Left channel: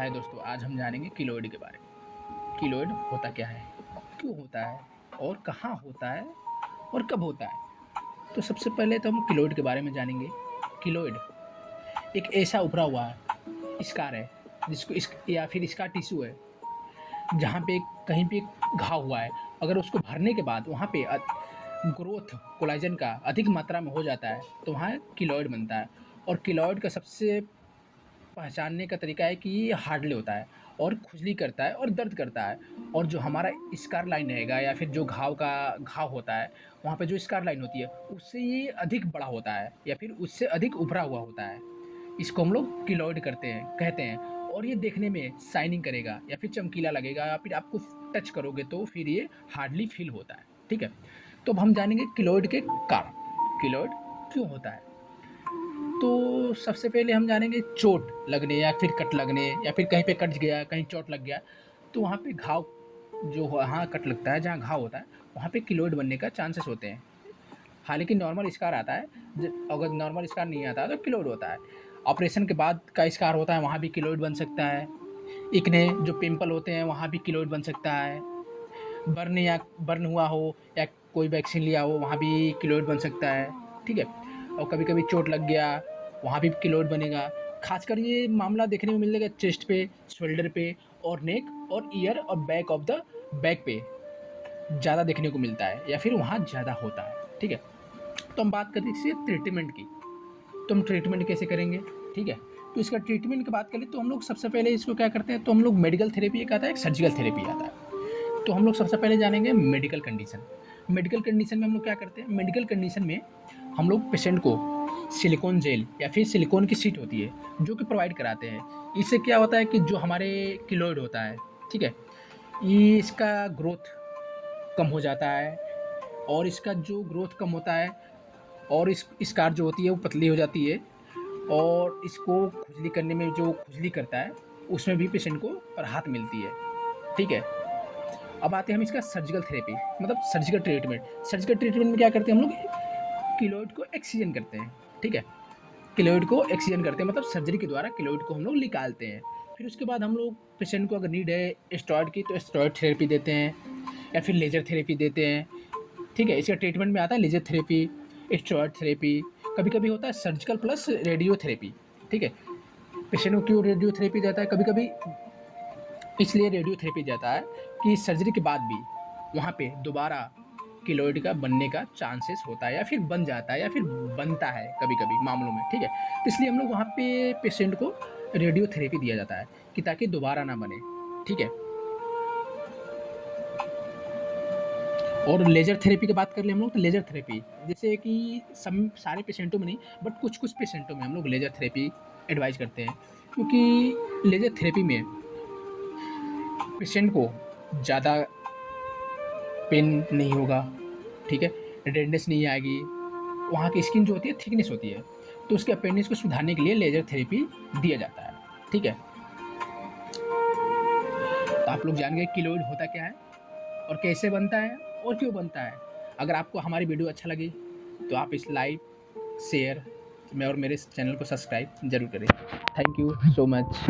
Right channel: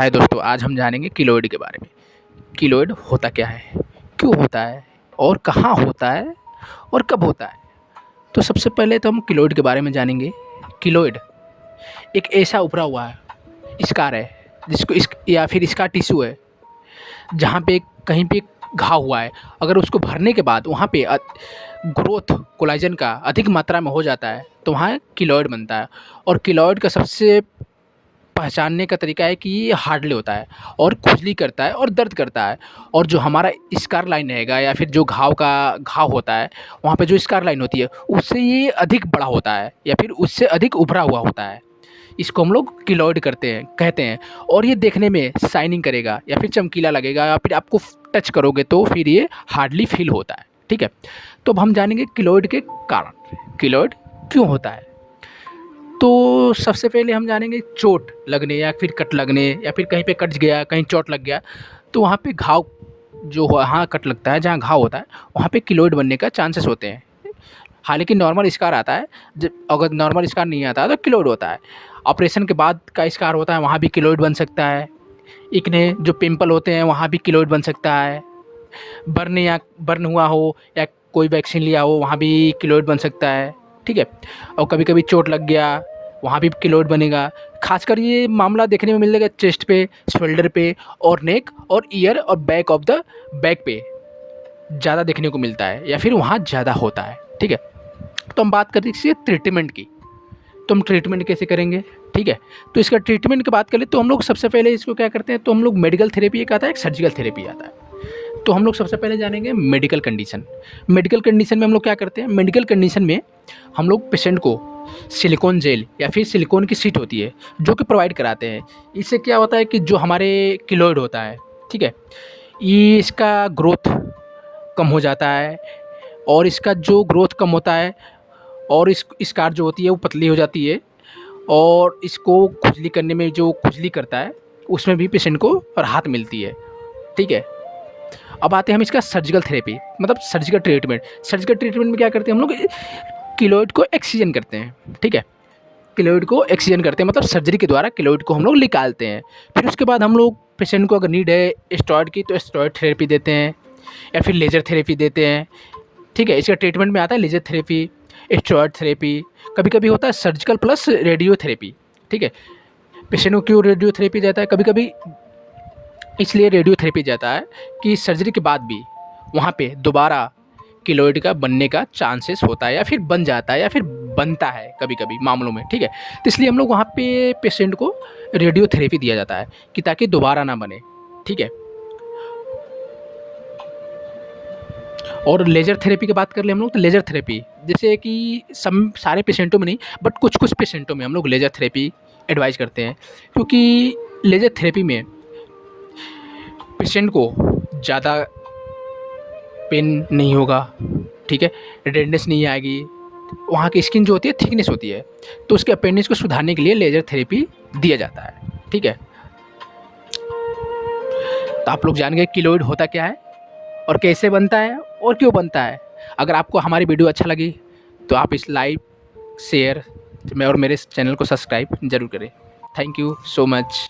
हाय दोस्तों, आज हम जानेंगे कीलोइड के बारे में। कीलोइड होता क्या है, क्यों होता है और कहाँ होता है और कब होता है। तो सबसे पहले तो हम कीलोइड के बारे में जानेंगे। कीलोइड एक ऐसा उभरा हुआ है स्कार है जिसको इस या फिर इसका टिश्यू है जहाँ पे कहीं पे घाव हुआ है। अगर उसको भरने के बाद वहाँ पे ग्रोथ कोलाजन का अधिक मात्रा में हो जाता है तो वहाँ कीलोइड बनता है। और कीलोइड का सबसे पहचानने का तरीका है कि ये हार्डली होता है और खुजली करता है और दर्द करता है। और जो हमारा स्कार लाइन रहेगा या फिर जो घाव होता है वहाँ पे जो स्कार लाइन होती है उससे ये अधिक बड़ा होता है या फिर उससे अधिक उभरा हुआ होता है। इसको हम लोग कीलॉइड कहते हैं। और ये देखने में शाइनिंग करेगा या फिर चमकीला लगेगा या फिर आपको टच करोगे तो फिर ये हार्डली फील होता है। ठीक है, तो अब हम जानेंगे कीलॉइड के कारण, कीलॉइड क्यों होता है। तो सबसे पहले हम जानेंगे चोट लगने या फिर कट लगने या फिर कहीं पे कट गया, कहीं चोट लग गया तो वहाँ पे घाव जो वहाँ कट लगता है, जहाँ घाव होता है वहाँ पे कीलॉइड बनने का चांसेस होते हैं। हालांकि नॉर्मल स्कार आता है, जब अगर नॉर्मल स्कार नहीं आता है तो कीलॉइड होता है। ऑपरेशन के बाद का स्कार होता है वहाँ भी कीलॉइड बन सकता है। इकने जो पिंपल होते हैं वहाँ भी कीलॉइड बन सकता है। बर्न हुआ हो या कोई वैक्सीन लिया हो वहाँ भी कीलॉइड बन सकता है। ठीक है, और कभी कभी चोट लग गया वहाँ भी कीलॉइड बनेगा। खासकर ये मामला देखने में मिलेगा चेस्ट पे, शोल्डर पे और नेक और ईयर और बैक ऑफ द बैक पे ज़्यादा देखने को मिलता है या फिर वहाँ ज़्यादा होता है। ठीक है, तो हम बात करते हैं इसके ट्रीटमेंट की। तो हम ट्रीटमेंट कैसे करेंगे, ठीक है। तो इसका ट्रीटमेंट की बात करें तो हम लोग सबसे पहले इसको क्या करते हैं, तो हम लोग मेडिकल थेरेपी एक आता है, एक सर्जिकल थेरेपी आता है। तो हम लोग सबसे पहले जानेंगे मेडिकल कंडीशन। मेडिकल कंडीशन में हम लोग क्या करते हैं, मेडिकल कंडीशन में हम लोग पेशेंट को सिलिकॉन जेल या फिर सिलिकॉन की शीट होती है जो कि प्रोवाइड कराते हैं। इससे क्या होता है कि जो हमारे कीलॉइड होता है, ठीक है, ये इसका ग्रोथ कम हो जाता है। और इसका जो ग्रोथ कम होता है और इस स्कार जो होती है वो पतली हो जाती है। और इसको खुजली करने में जो खुजली करता है उसमें भी पेशेंट को राहत मिलती है। ठीक है, अब आते हैं हम इसका सर्जिकल थेरेपी, मतलब सर्जिकल ट्रीटमेंट। सर्जिकल ट्रीटमेंट में क्या करते हैं हम लोग, कीलॉइड को एक्सीजन करते हैं। ठीक है, कीलॉइड को एक्सीजन करते हैं मतलब सर्जरी के द्वारा कीलॉइड को हम लोग निकालते हैं। फिर उसके बाद हम लोग पेशेंट को अगर नीड है स्टेरॉयड की तो स्टेरॉयड थेरेपी देते हैं या फिर लेज़र थेरेपी देते हैं। ठीक है, इसका ट्रीटमेंट में आता है लेज़र थेरेपी, स्टेरॉयड थेरेपी, कभी कभी होता है सर्जिकल प्लस रेडियोथेरेपी। ठीक है, पेशेंट को क्यों रेडियोथेरेपी देता है, कभी कभी इसलिए रेडियोथेरेपी जाता है कि सर्जरी के बाद भी वहाँ पे दोबारा कीलॉइड का बनने का चांसेस होता है या फिर बन जाता है या फिर बनता है कभी कभी मामलों में। ठीक है, तो इसलिए हम लोग वहाँ पे पेशेंट को रेडियोथेरेपी दिया जाता है कि ताकि दोबारा ना बने। ठीक है, और लेज़र थेरेपी की बात कर ले हम लोग, तो लेज़र थेरेपी जैसे कि सब सारे पेशेंटों में नहीं बट कुछ कुछ पेशेंटों में हम लोग लेज़र थेरेपी एडवाइज करते हैं। क्योंकि लेज़र थेरेपी में पेशेंट को ज़्यादा पेन नहीं होगा, ठीक है, रेडनेस नहीं आएगी, वहाँ की स्किन जो होती है थिकनेस होती है, तो उसके अपेंडिक्स को सुधारने के लिए लेज़र थेरेपी दिया जाता है। ठीक है, तो आप लोग जान गए कीलॉइड होता क्या है और कैसे बनता है और क्यों बनता है। अगर आपको हमारी वीडियो अच्छा लगी तो आप इस लाइक, शेयर और मेरे चैनल को सब्सक्राइब ज़रूर करें। Thank you so much.